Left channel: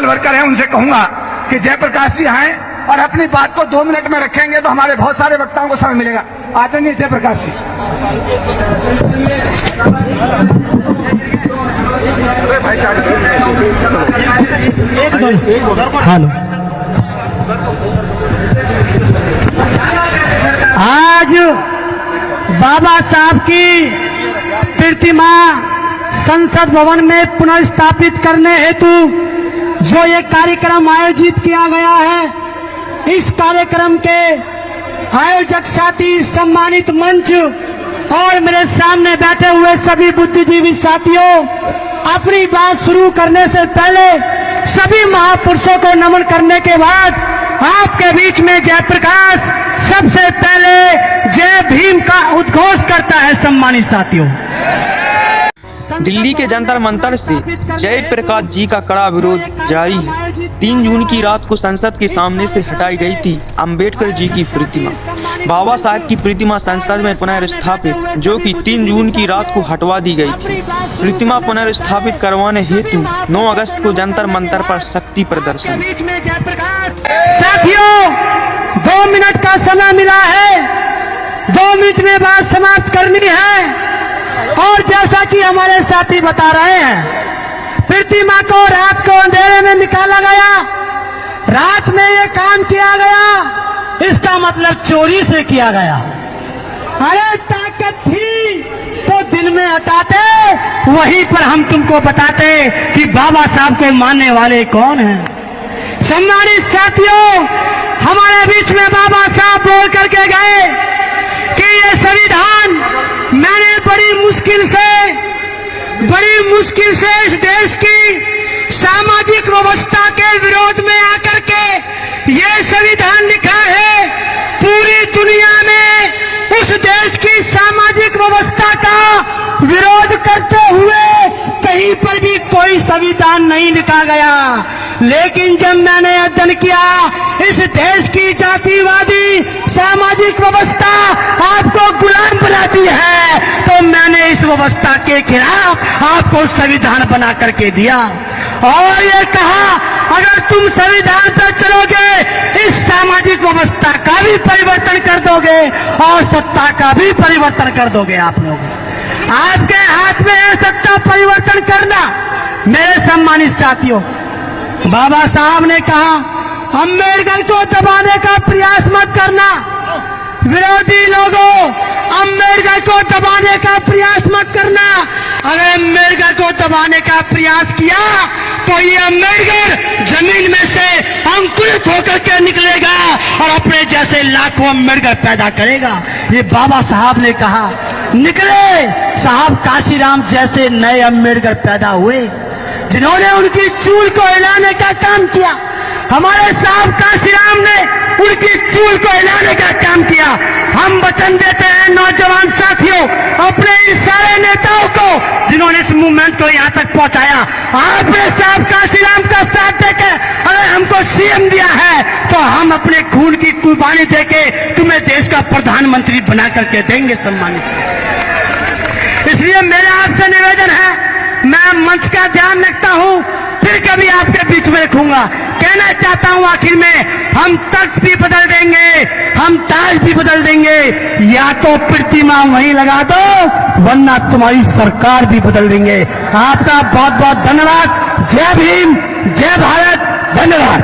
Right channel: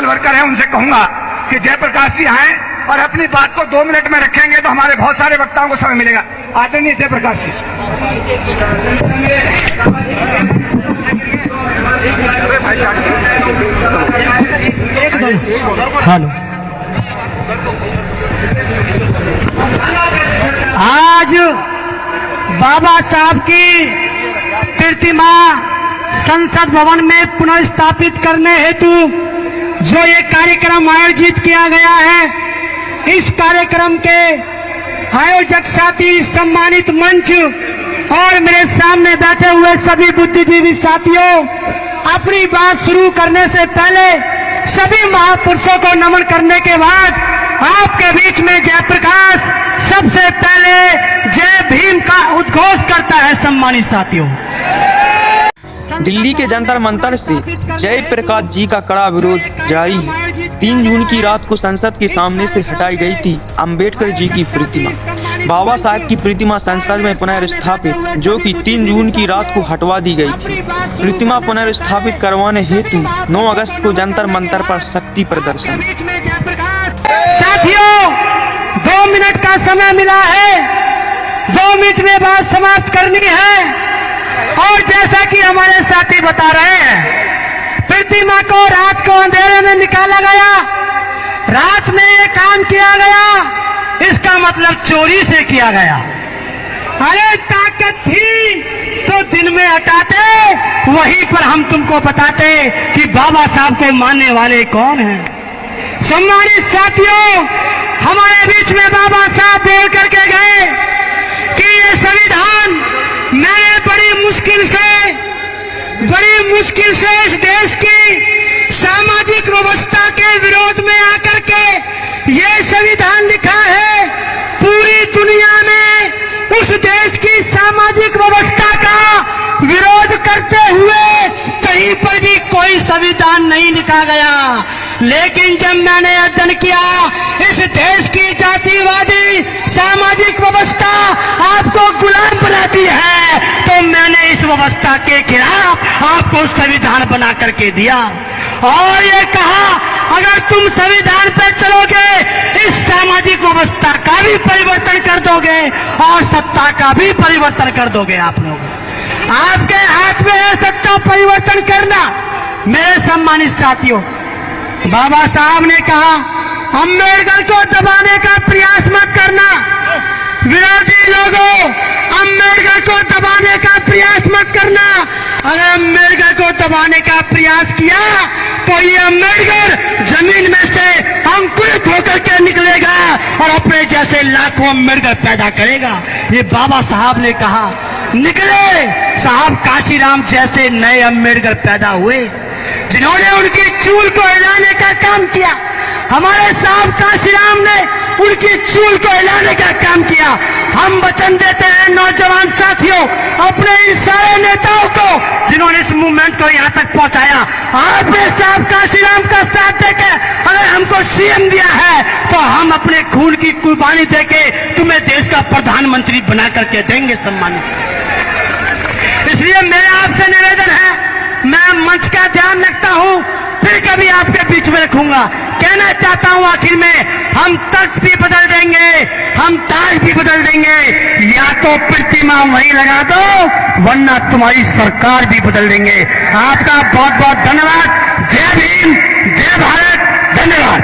Social worker हैं, उनसे कहूंगा कि जयप्रकाश जी आए और अपनी बात को 2 मिनट में रखेंगे तो हमारे बहुत सारे वक्ताओं को समय मिलेगा। आदरणीय जयप्रकाश जी। आज बाबा साहब की प्रतिमा संसद भवन में पुनः स्थापित करने हेतु जो ये कार्यक्रम आयोजित किया गया है, इस कार्यक्रम के आयोजक साथी, सम्मानित मंच और मेरे सामने बैठे हुए सभी बुद्धिजीवी साथियों, अपनी बात शुरू करने से पहले सभी महापुरुषों को नमन करने के बाद आपके बीच में जयप्रकाश सबसे पहले जय भीम का उद्घोष करता है। सम्मानित साथियों, दिल्ली के जंतर मंतर से जयप्रकाश जी का कड़ा विरोध जारी है। 3 जून की रात को संसद के सामने से हटाई गई थी अंबेडकर जी की प्रतिमा। बाबा साहब की प्रतिमा संसद में पुनर्स्थापित, जो कि 3 जून की रात को हटवा दी गई थी। प्रतिमा पुनर्स्थापित करवाने हेतु 9 अगस्त को जंतर मंतर पर शक्ति प्रदर्शन। साथियों, 2 मिनट का समय मिला है, 2 मिनट में बात समाप्त करनी है। और जैसा कि हमारे साथी बता रहे हैं, प्रतिमा को रात को अंधेरे में निकाला गया, रात में ये काम किया गया, इसका मतलब चोरी से किया गया। अरे ताकत थी तो दिन में हटाते, वहीं पर हम तुमको बताते कि बाबा साहब को मानने वाले कौन हैं। सम्मानित साथियों, हमारे बीच में बाबा साहब बोल करके गए कि ये संविधान मैंने बड़ी मुश्किल से इस देश की सामाजिक व्यवस्था के विरोध में आकर के ये संविधान लिखा है। पूरी दुनिया में इस देश की सामाजिक व्यवस्था का विरोध करते हुए कहीं पर भी कोई संविधान नहीं लिखा गया। लेकिन जब मैंने अध्ययन किया इस देश की जातिवादी सामाजिक व्यवस्था आपको गुलाम बनाती है, तो मैंने इस व्यवस्था के खिलाफ आपको संविधान बना करके दिया और ये कहा, अगर तुम संविधान पर चलोगे इस सामाजिक व्यवस्था का भी परिवर्तन कर दोगे और सत्ता का भी परिवर्तन कर दोगे। आप लोग, आपके हाथ में है सत्ता परिवर्तन करना। मेरे सम्मानित साथियों, बाबा साहब ने कहा अम्बेडकर को दबाने का प्रयास मत करना। विरोधी लोगों, अम्बेडकर को दबाने का प्रयास मत करना। अगर अम्बेडकर को दबाने का प्रयास किया तो ये अम्बेडकर जमीन में से अंकुरित होकर के निकलेगा और अपने जैसे लाखों अम्बेडकर पैदा करेगा। ये बाबा साहब ने कहा। निकले साहब काशीराम जैसे नए अम्बेडकर पैदा हुए, जिन्होंने उनकी चूल को हिलाने का काम किया। हमारे साहब काशीराम ने उनकी चूल को हिलाने का काम किया। हम वचन देते हैं नौजवान साथियों, अपने इन सारे नेताओं को जिन्होंने इस मूवमेंट को यहाँ तक पहुंचाया, आपने साहब काशीराम का साथ देके अरे हमको सीएम दिया है तो हम अपने खून की कुर्बानी देके तुम्हें देश का प्रधानमंत्री बना करके देंगे। सम्मानित, इसलिए मेरा आपसे निवेदन है, मैं मंच का ध्यान रखता हूं, फिर कभी आपके बीच में रखूंगा। कहना चाहता हूं आखिर में, हम तख्त भी बदल देंगे, हम ताज भी बदल देंगे, या तो प्रतिमा वहीं लगा दो वरना तुम्हारी सरकार भी बदल देंगे। आपका बहुत बहुत धन्यवाद। जय भीम, जय भारत, धन्यवाद।